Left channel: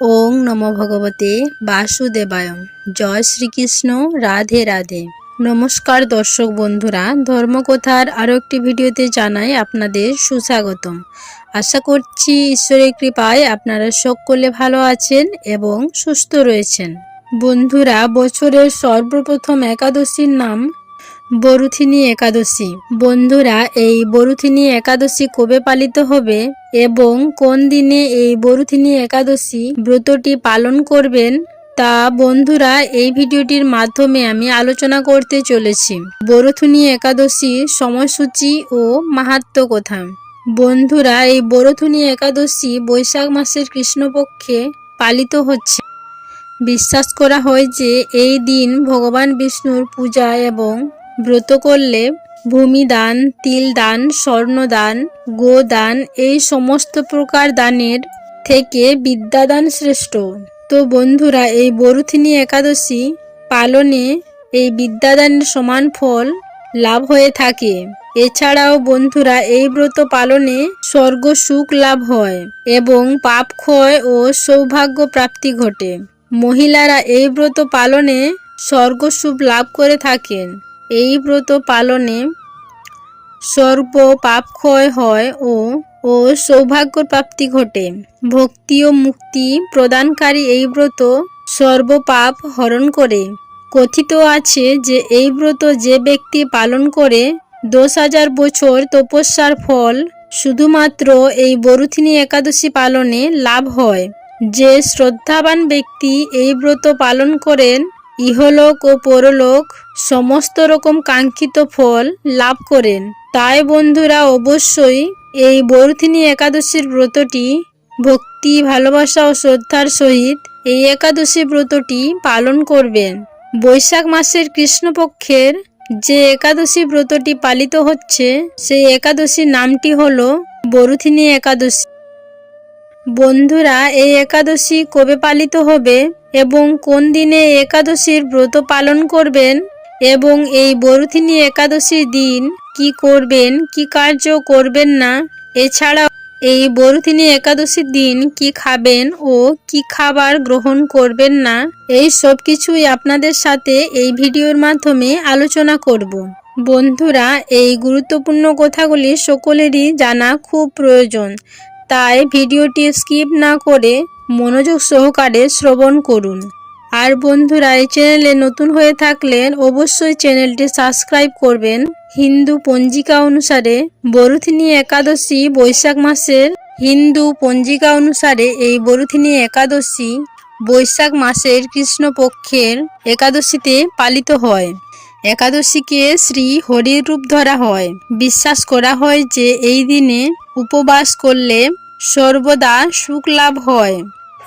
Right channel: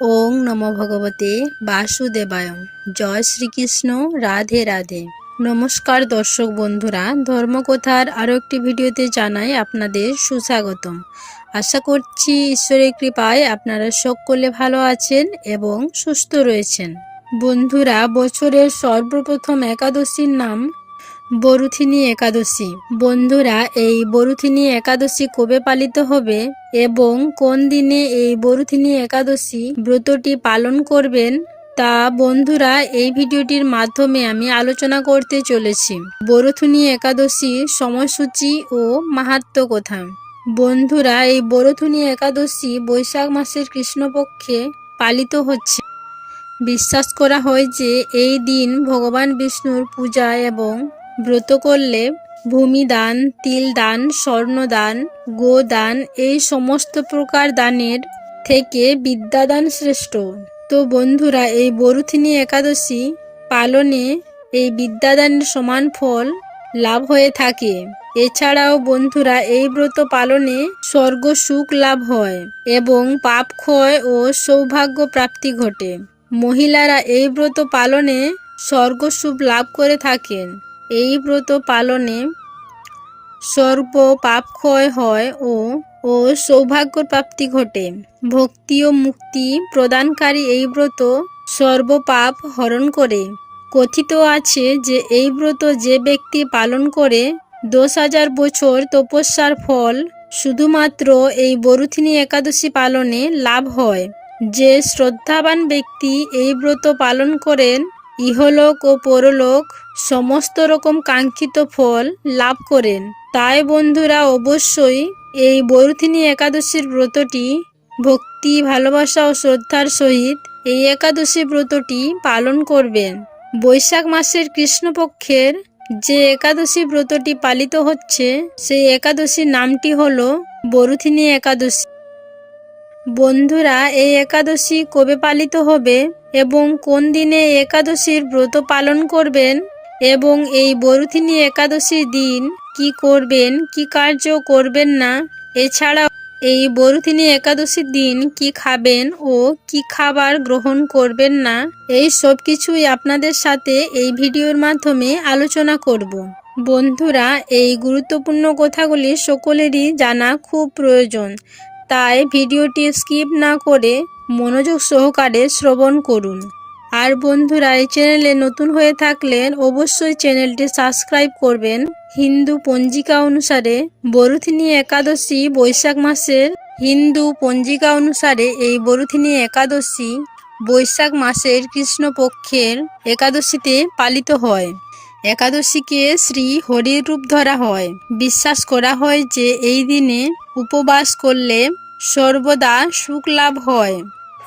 ওং নম ভগবতে বাসুদেবায় জয় শ্রীকৃষ্ণ, রাধে রাধে। নমস্কার দর্শক বন্ধুরা, ধর্মকথার আরও একটি ভিডিওতে জানাই আপনাদের সুস্বাগতম। আশা করছি ঈশ্বরের কৃপায় আপনারা সকলে ভালো আছেন এবং সুস্থ রয়েছেন। বন্ধুরা, বছরের সর্বপ্রথম একাদশীর নাম বরুথিনী একাদশী। বন্ধুরা, এই বরুথিনী একাদশী কবে পালিত হবে এবং কোন দিনে এই বরুথিনী একাদশী ব্রতটি পালন করবেন তা বন্ধুরা, এই ভিডিওটির মাধ্যমে আমি আলোচনা করতে চলেছি। বরুথিনী একাদশীর সময়সূচি ও মাহাত্ম কথা। বন্ধুরা, এই বরথুনী একাদশী বৈশাখ মাসের কৃষ্ণপক্ষে পালিত হচ্ছে। বিশ্বাস করা হয় যে এই দিন ভগবান বিষ্ণুর পূজা এবং ব্রত করলে ভূমিদান তিল দান স্বর্ণদান, গোদান এই সমস্ত প্রকার দানের থেকে বিদ্যাদান শ্রেষ্ঠ। তো বন্ধুরা, এই বরুথিনী একাদশী পালনে এই বিদ্যাদানের সমান ফল লাভ হয়ে থাকে। এছাড়াও বন্ধুরা, এই ব্রত পালনে স্বর্গ সুখ লাভ হয় এবং পাপ ক্ষয় ও সৌভাগ্য প্রাপ্তি ঘটে। মহিলারা এই ব্রত পালনে স্বর্গ সুখ লাভ করে থাকেন। এই ব্রত পালনে সর্ব পাপ ক্ষয় হয় ও ও সৌভাগ্য প্রাপ্তি ঘটে। ভক্তি ও মুক্তি প্রদানকারী এই ব্রত সর্বপাপ হরণ করে। কথিত আছে যে এই ব্রত যে ব্যক্তি পালন করে, দশ হাজার বছর তপস্যার ফল শুধুমাত্র এই বরুথিনী একাদশী পালনে লাভ হয়। যে শ্রদ্ধাবান ব্যক্তি এই ব্রত পালন করেন, ইহলোক ও পরলোক সমস্ত রকম কাঙ্ক্ষিত ফল লাভ করেন। তাই বন্ধুরা, অবশ্যই এই বরুথিনী একাদশীর ব্রতটি ভক্তি, ভালোবাসা ও শ্রদ্ধার সহিত এই একাদশী ব্রতটি পালন করবেন। বৈশাখ মাসের কৃষ্ণপক্ষের যে একাদশী ব্রতটি পালিত হচ্ছে, সেই একাদশীর নামটি হল বরুথিনী একাদশী। বন্ধুরা, এই একাদশী কবে পালিত হবে এবং কোন দিনে একাদশীর ব্রত পালন করবেন এবং এই বরুথিনী একাদশীর দিন কি করবেন, কি কার্য করবেন না? এছাড়া এই বরুথিনী একাদশীর দিন কি খাবেন ও কি খাবার গ্রহণ করবেন না? এই সব কিছুই আপনাদের সাথে এই ভিডিওর মাধ্যমে আলোচনা করব। বন্ধুরা, এই গুরুত্বপূর্ণ কথাগুলি সকলেরই জানা খুব প্রয়োজন। তাই ভিডিওটি স্কিপ না করে মনোযোগ সহকারে শ্রবণ করুন। আর বন্ধুরা, এই চ্যানেলে নতুন হয়ে থাকলে অবশ্যই চ্যানেলটি সাবস্ক্রাইব করবেন। হিন্দু পঞ্জিকা অনুসারে বরুথিনী একাদশী বৈশাখ মাসের হিন্দু পঞ্জিকা অনুসারে এই বরুথিনী একাদশী বৈশাখ মাসের কৃষ্ণপক্ষের একাদশীতে পালিত হয়। একাদশীকে শ্রী হরির রূপ ধরা হয়। বিশ্বাস করা হয় যে এই দিনে উপবাস করলে সর্বদা সুখ লাভ হয়।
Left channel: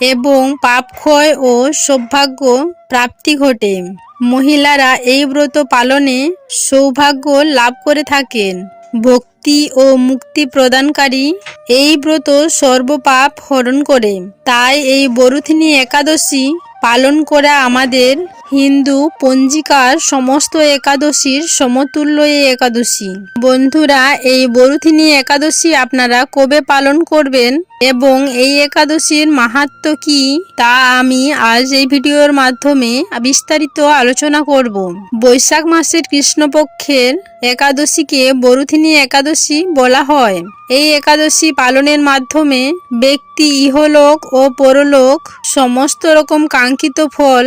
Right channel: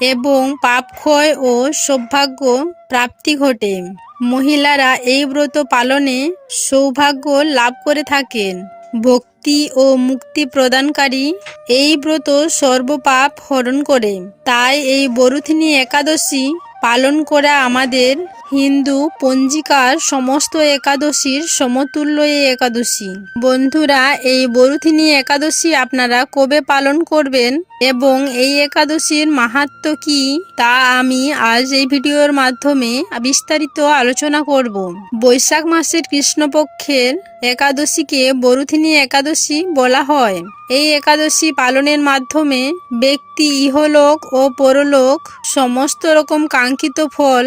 এবং পাপক্ষয় ও সৌভাগ্য প্রাপ্তি ঘটে। মহিলারা এই ব্রত পালনে সৌভাগ্য লাভ করে থাকেন। ভক্তি ও মুক্তি প্রদানকারী এই ব্রত সর্বপাপ হরণ করে। তাই এই বরুথিনী একাদশী পালন করা আমাদের হিন্দু, পঞ্জিকার সমস্ত একাদশীর সমতুল্য এই একাদশী। বন্ধুরা, এই বরুথিনী একাদশী আপনারা কবে পালন করবেন এবং এই একাদশীর মাহাত্ম কি, তা আমি আজ এই ভিডিওর মাধ্যমে বিস্তারিত আলোচনা করব। বৈশাখ মাসের কৃষ্ণপক্ষের একাদশীকে বরুথিনী একাদশী বলা হয়। এই একাদশী পালনের মাধ্যমে ব্যক্তি, ইহলোক ও পরলোক সমস্ত রকম কাঙ্ক্ষিত ফল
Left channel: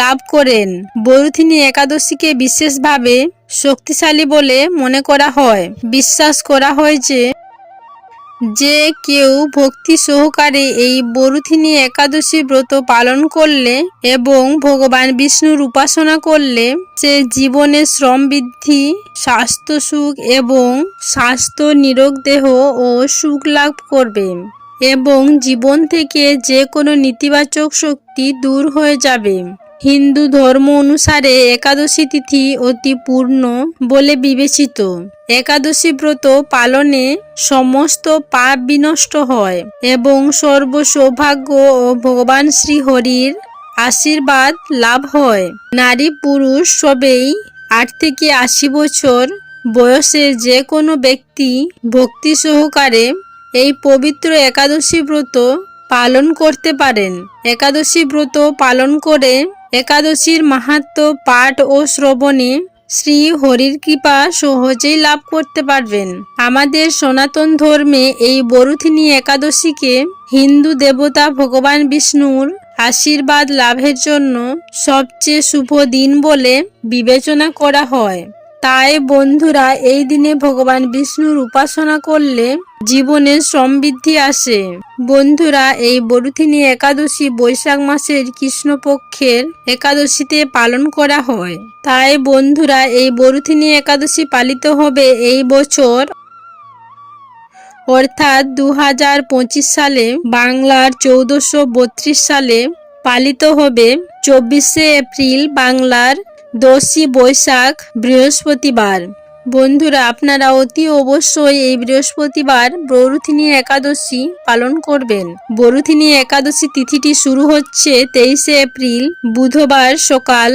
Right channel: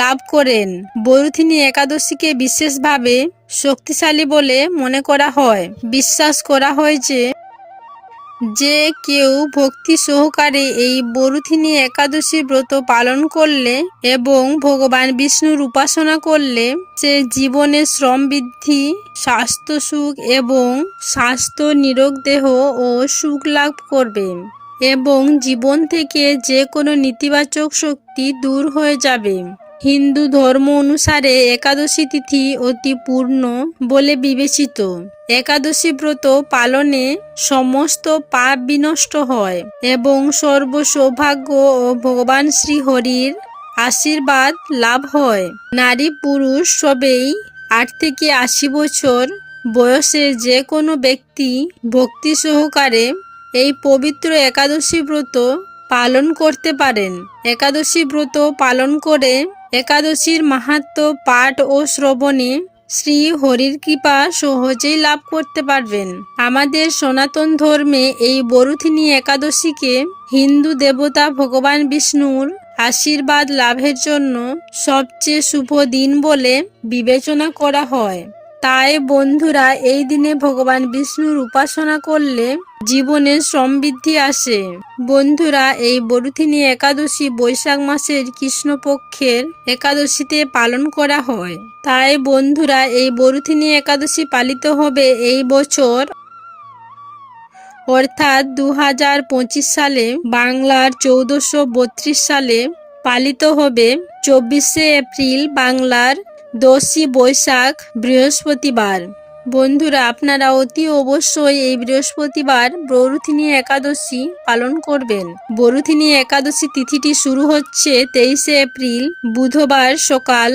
লাভ করেন। বরুথিনী একাদশীকে বিশেষভাবে শক্তিশালী বলে মনে করা হয়। বিশ্বাস করা হয় যে যে কেউ ভক্তি সহকারে এই বরুথিনী একাদশী ব্রত পালন করলে এবং ভগবান বিষ্ণুর উপাসনা করলে সে জীবনে শ্রম বৃদ্ধি, স্বাস্থ্য সুখ এবং স্বাস্থ্য নিরোগ দেহ ও সুখ লাভ করবে এবং জীবন থেকে যে কোনো নেতিবাচক শক্তি দূর হয়ে যাবে। হিন্দু ধর্ম অনুসারে একাদশী তিথি অতি পূর্ণ বলে বিবেচিত। একাদশী ব্রত পালনে সমস্ত পাপ বিনষ্ট হয় এবং সর্ব সৌভাগ্য ও ভগবান শ্রী হরির আশীর্বাদ লাভ হয়। নারী পুরুষ সবেই আট থেকে আশি বছর বয়সে যে কোনো ব্যক্তি ভক্তি সহকারে এই পবিত্র একাদশী ব্রত পালন করতে পারেন। একাদশী ব্রত পালন করে একাদশীর মাহাত্ম্য পাঠ ও শ্রবণে শ্রী হরির কৃপা সহজেই লাভ করতে পারবেন। আমাদের সনাতন ধর্মে এই বরুথিনী একাদশীকে হিন্দু দেবতা ভগবান বিষ্ণুর আশীর্বাদ লাভের জন্য সবচেয়ে শুভ দিন বলে বিবেচনা করা হয়। তাই বন্ধুরা, এই দিনে ভগবান বিষ্ণুর উপাসনা করলে জীবনে সমৃদ্ধি আসে। বন্ধুরা, এই বরুথিনী একাদশী বৈশাখ মাসের কৃষ্ণপক্ষের একাদশীতে পালন করা হয়। তাই বন্ধুরা, এই বরুথিনী একাদশী পালিত হবে এই বছর। অর্থাৎ দু হাজার পঁচিশ সালে বাংলার চৌদ্দশো সালে পালিত হবে। চব্বিশে এপ্রিল বাংলার দশই বৈশাখ বৃহস্পতিবার। বন্ধুরা, আপনারা অতি অবশ্যই এই বৃহস্পতিবার বরুথিনী একাদশী পালন করবেন। বরুথিনী একাদশী তিথিটি শুরু হচ্ছে তেইশে এপ্রিল, বুধবার সকাল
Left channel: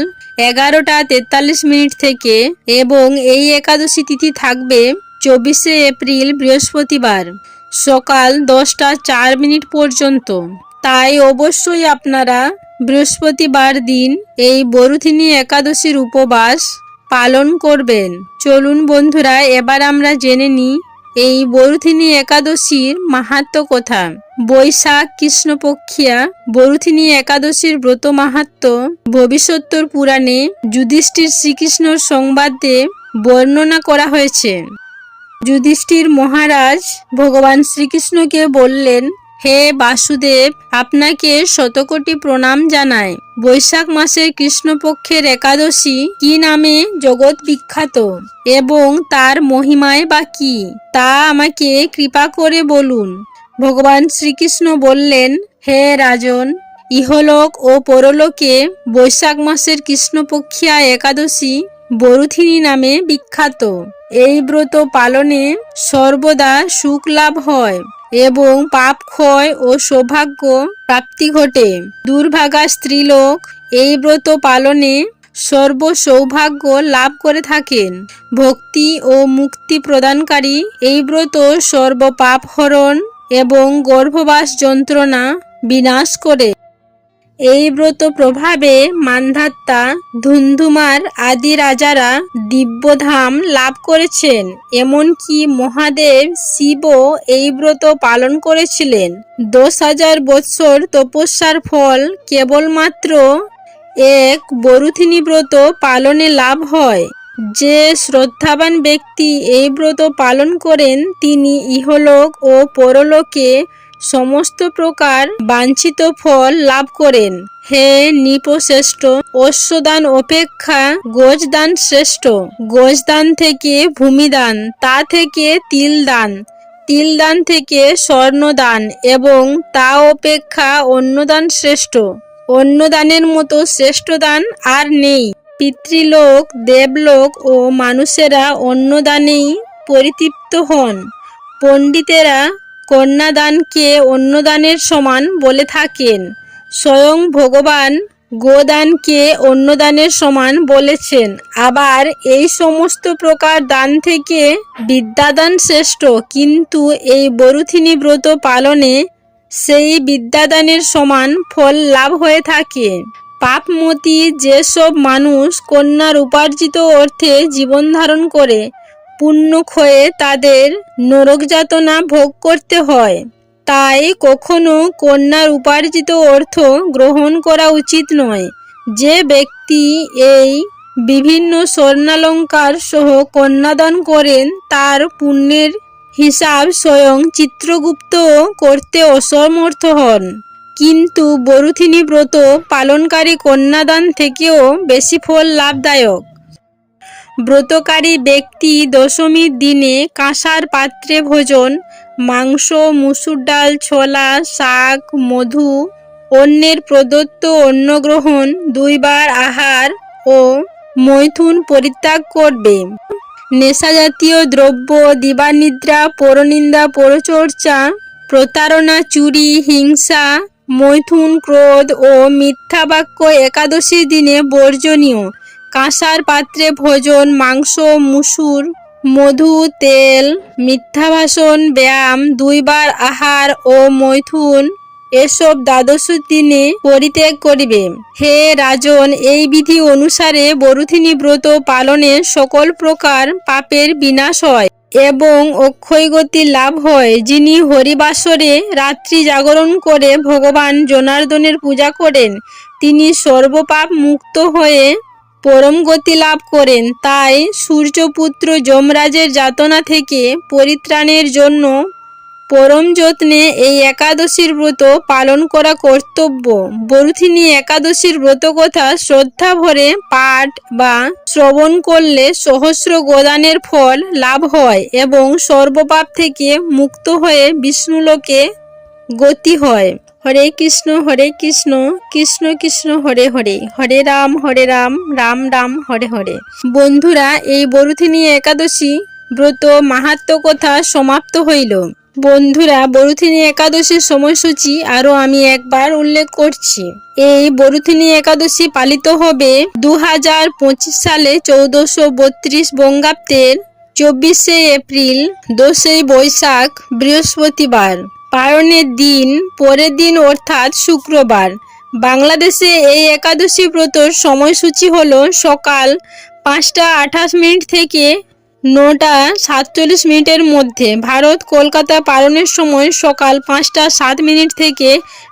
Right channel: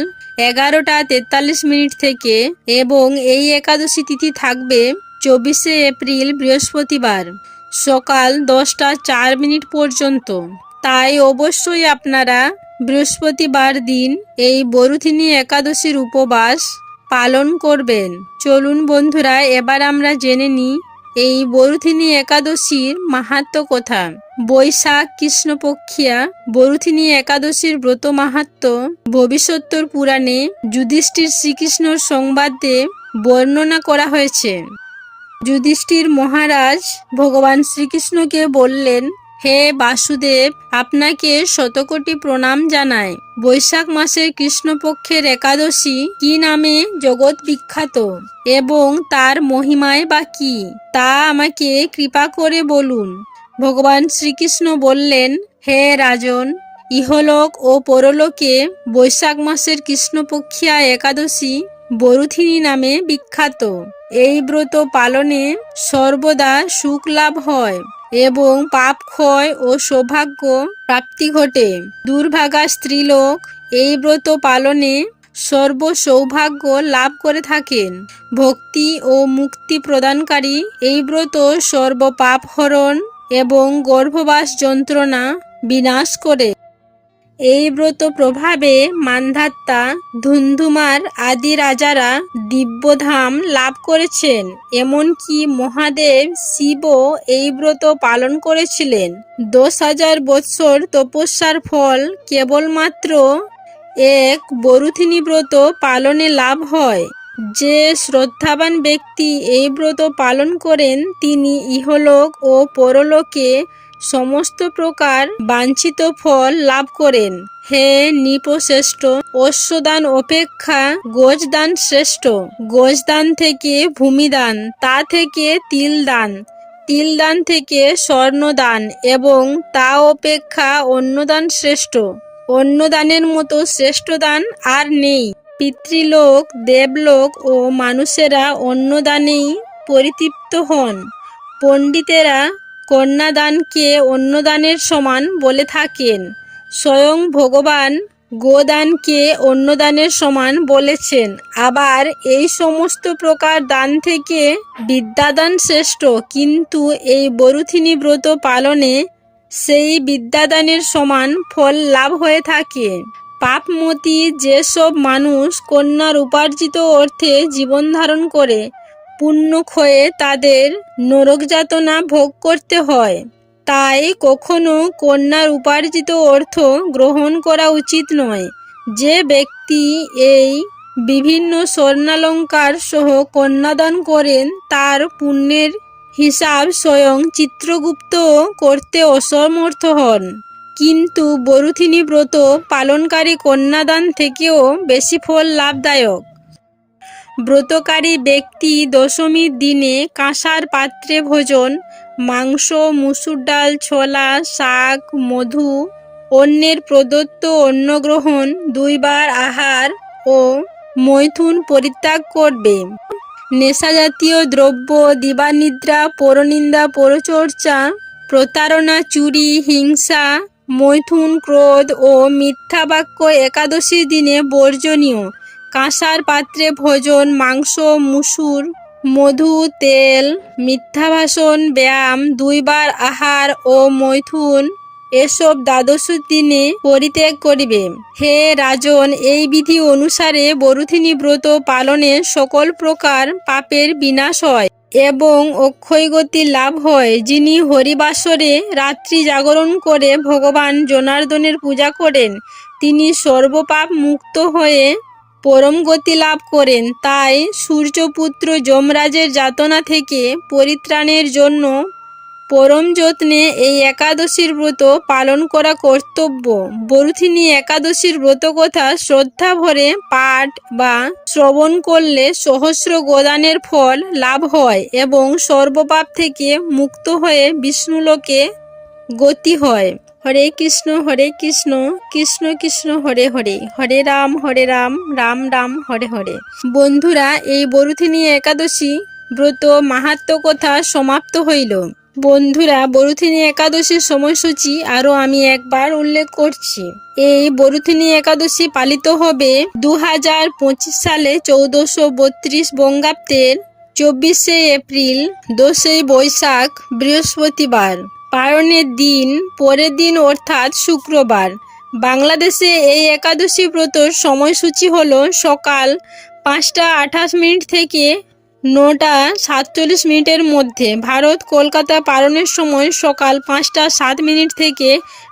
এগারোটা তেতাল্লিশ মিনিট থেকে এবং এই একাদশী তিথি থাকবে চব্বিশে এপ্রিল, বৃহস্পতিবার সকাল দশটা চার মিনিট পর্যন্ত। তাই অবশ্যই আপনারা বৃহস্পতিবার দিন এই বরুথিনী একাদশীর উপবাস পালন করবেন। চলুন বন্ধুরা, এবার আমরা জেনে নিই এই বরুথিনী একাদশীর মাহাত্ম কথা। বৈশাখ, কৃষ্ণপক্ষিয়া, বরুথিনী একাদশীর ব্রত মাহাত্ম ভবিষ্যত্তর পুরাণে যুধিষ্ঠির শ্রীকৃষ্ণর সংবাদে বর্ণনা করা হয়েছে। যুধিষ্ঠির মহারাজ ভগবান শ্রীকৃষ্ণকে বললেন হে বাসুদেব, আপনাকে শতকোটি প্রণাম জানায় বৈশাখ মাসের কৃষ্ণপক্ষের একাদশী কি নামে জগৎ বিখ্যাত? এবং তার মহিমায় বা কি? তা আমাকে কৃপা করে বলুন। ভগবান শ্রীকৃষ্ণ বললেন, হে রাজন, ইহলোক ও পরলোকে বৈশাখ মাসের কৃষ্ণপক্ষিয়া একাদশী বরুথিনী নামে বিখ্যাত। এই ব্রত পালনে সর্বদা সুখ লাভ হয় এবং পাপ ক্ষয় ও সৌভাগ্য প্রাপ্তি ঘটে। দুর্ভাগা স্ত্রীলোক এই ব্রত পালনে সর্ব সৌভাগ্য লাভ করে থাকেন। ভক্তি ও মুক্তি প্রদানকারী এই ব্রত সর্ব পাপ হরণ এবং গর্ভবাস যন্ত্রণা বিনাশ করে। এই ব্রত প্রভাবে মান্ধাত্তা, ধুন্ধুমার আদি রাজারা দিব্যধাম লাভ করেছেন। এমনকি মহাদেব শিবও এই ব্রত পালন করেছিলেন। দশ হাজার বৎসর তপস্যার ফল কেবলমাত্র এক বরুথিনী ব্রত পালনে লাভ হয়। যে শ্রদ্ধাবান ব্যক্তি এই ব্রত পালন করেন, তিনি ইহলোক ও পরলোকে সমস্ত প্রকার বাঞ্ছিত ফল লাভ করেন। হে নিপশ্রেষ্ঠ, অশ্বদান অপেক্ষা গোজদান শ্রেষ্ঠ। গোজদান থেকে ভূমিদান, তা থেকে তিলদান তিলদান থেকে স্বর্ণদান এবং তা অপেক্ষা অন্নদান শ্রেষ্ঠ। অন্নদানের মতো শ্রেষ্ঠ দান আর নেই। পিতৃলোক, দেবলোক ও মানুষেরা অন্নদানেই পরিতৃপ্ত হন। পণ্ডিতেরা কন্যাদানকে অন্নদানের সমান বলে থাকেন। স্বয়ং ভগবান গোদানকে অন্নদানের সমান বলেছেন। আবার এই সমস্ত প্রকার দান থেকে বিদ্যাদান শ্রেষ্ঠ, কিন্তু এই বরুথিনী ব্রত পালনে সেই বিদ্যাদানের সমান ফল লাভ হয়ে থাকে। পাপমতি যেসব মানুষ কন্যার উপার্জিত অর্থে জীবন ধারণ করে পুণ্য ক্ষয়ে তাদের নরক যাতনা ভোগ করতে হয়। তাই কখনো কন্যার উপার্জিত অর্থ গ্রহণ করা উচিত নয়। যে ব্যক্তি এই বিভিন্ন স্বর্ণালঙ্কার সহ কন্যাদান করেন, তার পুণ্যের হিসাব স্বয়ং চিত্রগুপ্ত করতে অসমর্থ হন। কিন্তু বরুথিনী ব্রত পালনকারী কন্যাদান থেকেও বেশি ফল লাভদায়ক। ব্রতকারী ব্যক্তি দশমীর দিনে কাঁসার পাত্রে ভোজন, মাংস, মুসুর ডাল, ছোলা, শাক, মধু অন্যের প্রদত্ত অন্ন গ্রহণ দুইবার আহার ও মৈথুন পরিত্যাগ করবে। নেশাজাতীয় দ্রব্য, দিবানিদ্রা, পরনিন্দা, পরচর্চা, প্রতারণা, চুরি, হিংসা, মৈথুন, ক্রোধ ও মিথ্যা বাক্য একাদশীর দিনে বর্জনীয়। কাঁসার পাত্রে ভোজন, মাংস, মুসুর, মধু, তেল মিথ্যা ভাষণ ব্যায়াম, দুইবার আহার ও মৈথুন, এসব দ্বাদশ দিনে পরিত্যাগ করিবে হে রাজন, এই বিধি অনুসারে বরুথিনী ব্রত পালনে সকল প্রকার পাপের বিনাশ হয় এবং অক্ষয় গতি লাভ হয়। যিনি হরিবাসরে রাত্রি জাগরণ করে ভগবান জনার্দনের পূজা করেন, তিনি সর্বপাপ মুক্ত হয়ে পরম গতি লাভ করেন। তাই সূর্যপুত্র যমরাজের যাতনা থেকে পরিত্রাণের জন্য পরম যত্নে এই একাদশীর ব্রত পালন করা কর্তব্য। বরুথিনী একাদশীর ব্রত কথা শ্রদ্ধা ভরে পাঠ বা শ্রবণ করলে সহস্র গোদানের ফল লাভ হয় এবং সর্বপাপ থেকে মুক্ত হয়ে বিষ্ণুলোকে গতি হয়। হরে কৃষ্ণ হরে কৃষ্ণ কৃষ্ণ কৃষ্ণ, হরে হরে। হরে রাম হরে রাম রাম রাম, হরে হরে। বন্ধুরা, এই বরুথিনী একাদশী ব্রত মাহাত্ম কথা সমাপ্ত হইল। বন্ধুরা, বরুথিনী একাদশীর সময়সূচি আরও আমি একবার উল্লেখ করছি। এই বরুথিনী একাদশী পালিত হবে দু হাজার পঁচিশ সালে চৌদ্দশো বত্রিশ বঙ্গাব্দের চব্বিশে এপ্রিল দোষই বৈশাখ, বৃহস্পতিবার। পালনের দিন, পরের দিন অর্থাৎ শুক্রবার। বাংলাদেশে এই একাদশী ব্রতর সময়সূচি হল সকাল পাঁচটা আঠাশ মিনিট থেকে নটা সাতচল্লিশ মিনিটের মধ্যে। ভারত কলকাতা পালনের সময় সকাল পাঁচটা সাত মিনিট থেকে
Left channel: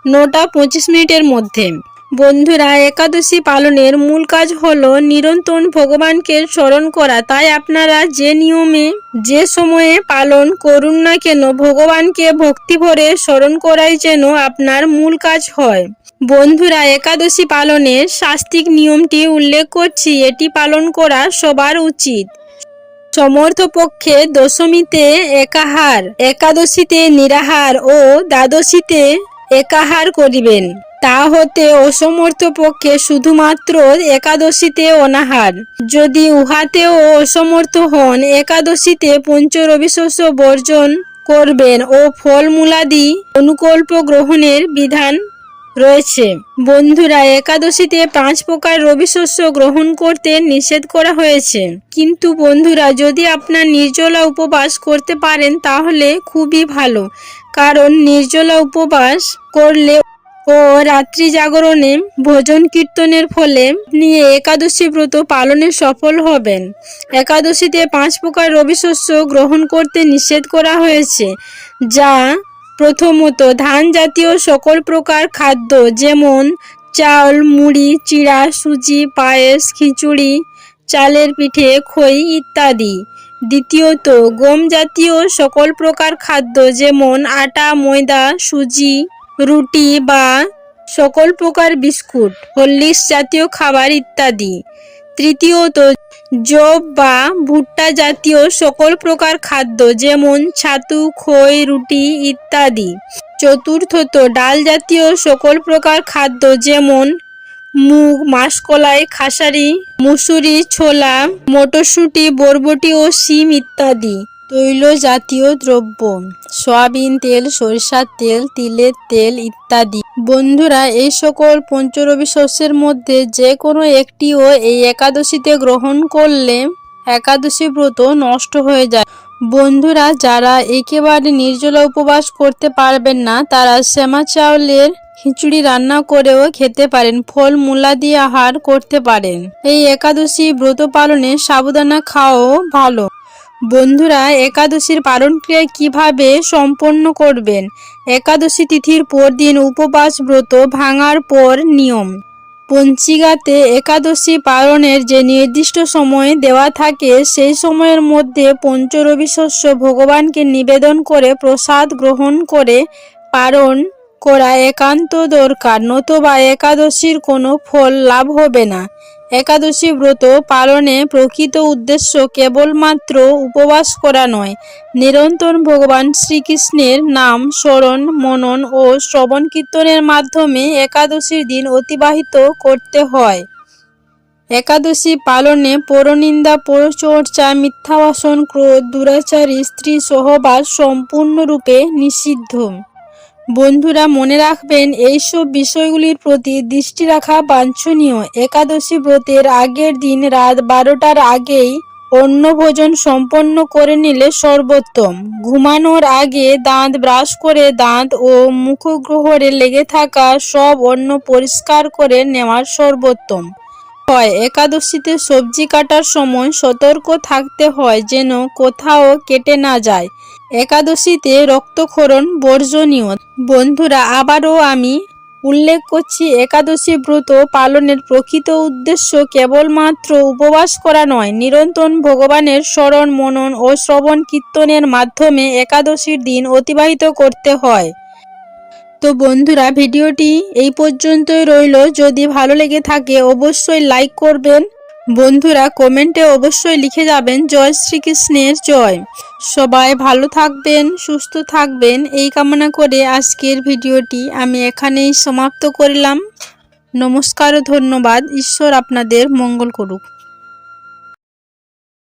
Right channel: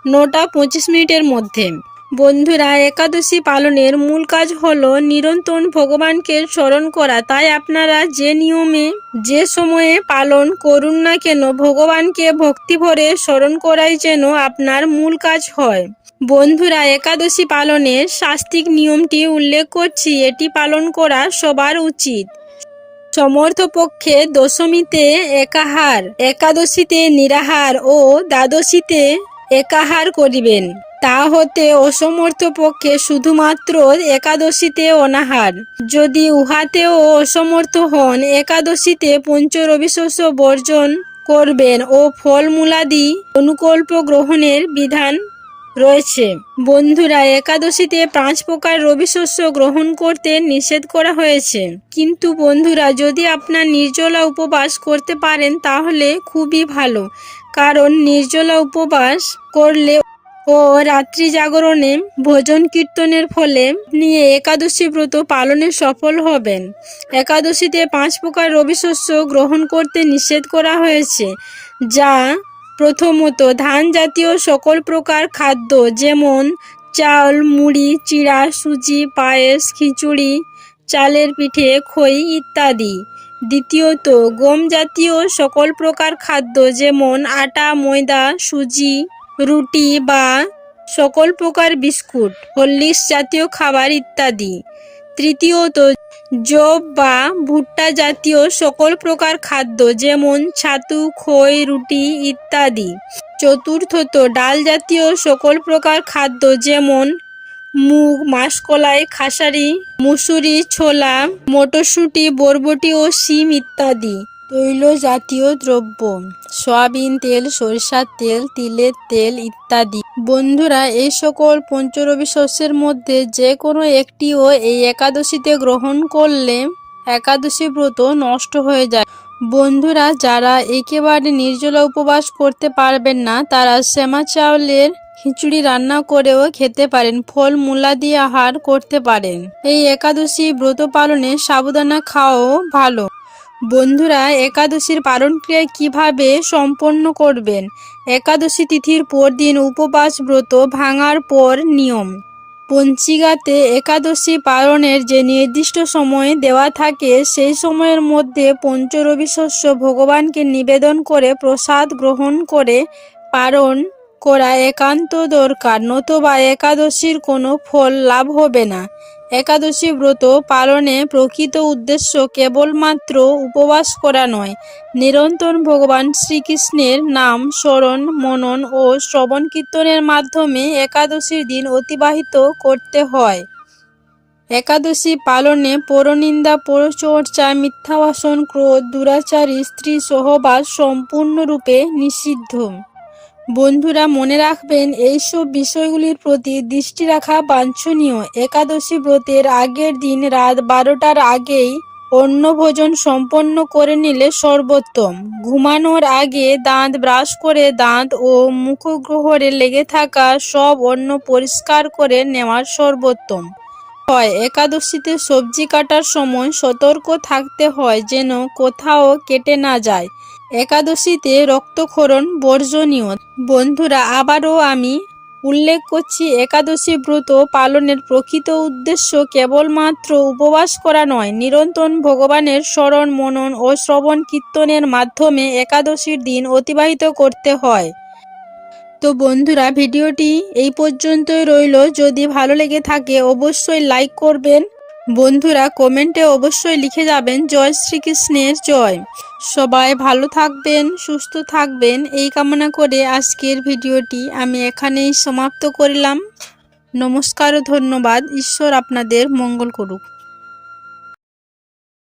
নটা পঁচিশ মিনিটের মধ্যে। বন্ধুরা, একাদশী পালনের মূল কাজ হলো নিরন্তর ভগবানকে স্মরণ করা। তাই আপনারা যে নিয়মে, যে সময়ে পালন করুন না কেন, ভগবানকে ভক্তি ভরে স্মরণ করাই যেন আপনার মূল কাজ হয়। বন্ধুরা, একাদশী পালনের শাস্তিক নিয়মটি উল্লেখ করছি। এটি পালন করা সবার উচিত। সমর্থ পক্ষে দশমীতে একাহার, একাদশীতে নিরাহার ও দ্বাদশীতে একাহার করিবেন। তা হতে অসমর্থ পক্ষে শুধুমাত্র একাদশীতে অনাহার। যদি উহাতেও অসমর্থ হন, একাদশীতে পঞ্চরবিশস্য বর্জন করবেন ও ফলমূলাদি অনুকল্প গ্রহণের বিধান রয়েছে। বন্ধুরা, একাদশীতে পাঁচ প্রকার রবি শস্য গ্রহণ করতে নিষেধ করা হয়েছে। কিন্তু বন্ধুরা, যদি আপনার নির্জলা উপবাস করতে পারেন, তাহলে খুবই ভালো। কারণ নির্জলা উপবাস করলে ও রাত্রি জাগরণে ভজন কীর্তনের ফলে নিয়ে একাদশী ব্রত পালনে সফল হবেন। একাদশীতে পাঁচ প্রকার রবি শস্য গ্রহণ করতে নিষেধ করা হয়েছে, যা প্রথমত ধান জাতীয় সকল প্রকার খাদ্য যেমন চাল, মুড়ি, চিড়া, সুজি, পায়েস, খিচুড়ি, চালের পিঠে, খই ইত্যাদি। দ্বিতীয়ত, গম জাতীয় সকল প্রকার খাদ্য যেমন আটা, ময়দা, সুজি, রুটি বা সকল প্রকার বিস্কুট, হরলিক্স জাতীয় খাবার ইত্যাদি। তৃতীয়ত জব বা ভুট্টা জাতীয় সকল প্রকার খাদ্য যেমন ছাতু, খই, রুটি ইত্যাদি। চতুর্থত, ডাল জাতীয় সকল প্রকার খাদ্য যেমন মুগ, মাসকলাই, খাসারি মুসুরি ছোলা, মটরশুঁটি, বরবটি ও শিম ইত্যাদি। তৈল জাতীয় দ্রব্য, সয়াবিন তেল, সরিষার তেল, তিলের তেল ইত্যাদি। বন্ধুরা, এই সকল পঞ্চরবি শস্যের মধ্যে যে কোনো একটিও এই একাদশীতে গ্রহণ করলে একাদশী ব্রত নষ্ট হয়ে যায়। বন্ধুরা, যারা একেবারে নির্জলা উপবাস করতে পারবেন না, তারা শ্যামা চাউলের খিচুড়ি রান্না করেও খেতে পারেন, ফল মূলা দিয়ে আহার করতে পারেন। এই একাদশী ব্রত পালনে সাবধানা খাওয়াও ভালো। বন্ধুরা, একাদশীর পালন ক্রিয়া কীভাবে সম্পন্ন করবেন? একাদশী তিথির পরদিন উপবাস ব্রত ভাঙার পর নিয়ম। পঞ্চিকাতে একাদশী পালনের যে নির্দিষ্ট সময় দেওয়া থাকে, সেই সময়ের মধ্যে পঞ্চরবি শস্য ভগবানকে নিবেদন করে প্রসাদ গ্রহণ করে, পালন করা একান্ত দরকার, নতুবা একাদশীর কোনো ফল লাভ হবে না। একাদশী ব্রত পালনে প্রকৃত উদ্দেশ্য কেবলমাত্র উপবাস করা নয়, নিরন্তর ভগবান শ্রীকৃষ্ণের নাম স্মরণ, মনন ও শ্রবণ কীর্তনের মাধ্যমে একাদশীর দিন অতিবাহিত করতে হয়। একাদশী পালনে পরনিন্দা, পরচর্চা, মিথ্যাবাসন, ক্রোধ, দুরাচারী স্ত্রী সহবাস সম্পূর্ণরূপে নিষিদ্ধ। বন্ধুরা, মনে রাখবেন, এইসব বিষয়গুলির প্রতি দৃষ্টি রাখা বাঞ্ছনীয়। একাদশী ব্রতের আগের দিন রাত বারোটার আগেই অন্ন ভোজন সম্পন্ন করে নিলে সর্বোত্তম। ঘুমানোর আগে দাঁত ব্রাশ করে দাঁত ও মুখগ্রহরে লেগে থাকা সব অন্ন পরিষ্কার করে নেওয়ার সর্বোত্তম। হয়, একাদশীতে সবজি কাটার সময় সতর্ক থাকতে হয় যেন কোথাও কেটে না যায়। একাদশীতে রক্তক্ষরণ বর্জনীয়। বন্ধুরা, আবারও আমি উল্লেখ করছি, একাদশী ব্রত পালনের প্রকৃত উদ্দেশ্য কেবলমাত্র উপবাস করা নয়, নিরন্তর ভগবানের স্মরণ, মনন ও শ্রবণ কীর্তনের মাধ্যমে একাদশীর দিন অতিবাহিত করতে হয়। তো বন্ধুরা, ভিডিওটি এই পর্যন্তই রইল। যদি ভালো লেগে থাকে, অবশ্যই লাইক করবেন। বন্ধুরা কমেন্টে অবশ্যই লিখে যাবেন, জয় শ্রীকৃষ্ণের জয়। সবাই ভালো থাকবেন, সুস্থ থাকবেন। এই কামনা করে আজকের ভিডিওটি আমি এখানেই সমাপ্ত করলাম। নমস্কার ধন্যবাদ। ঈশ্বর আপনাদের মঙ্গল করুক।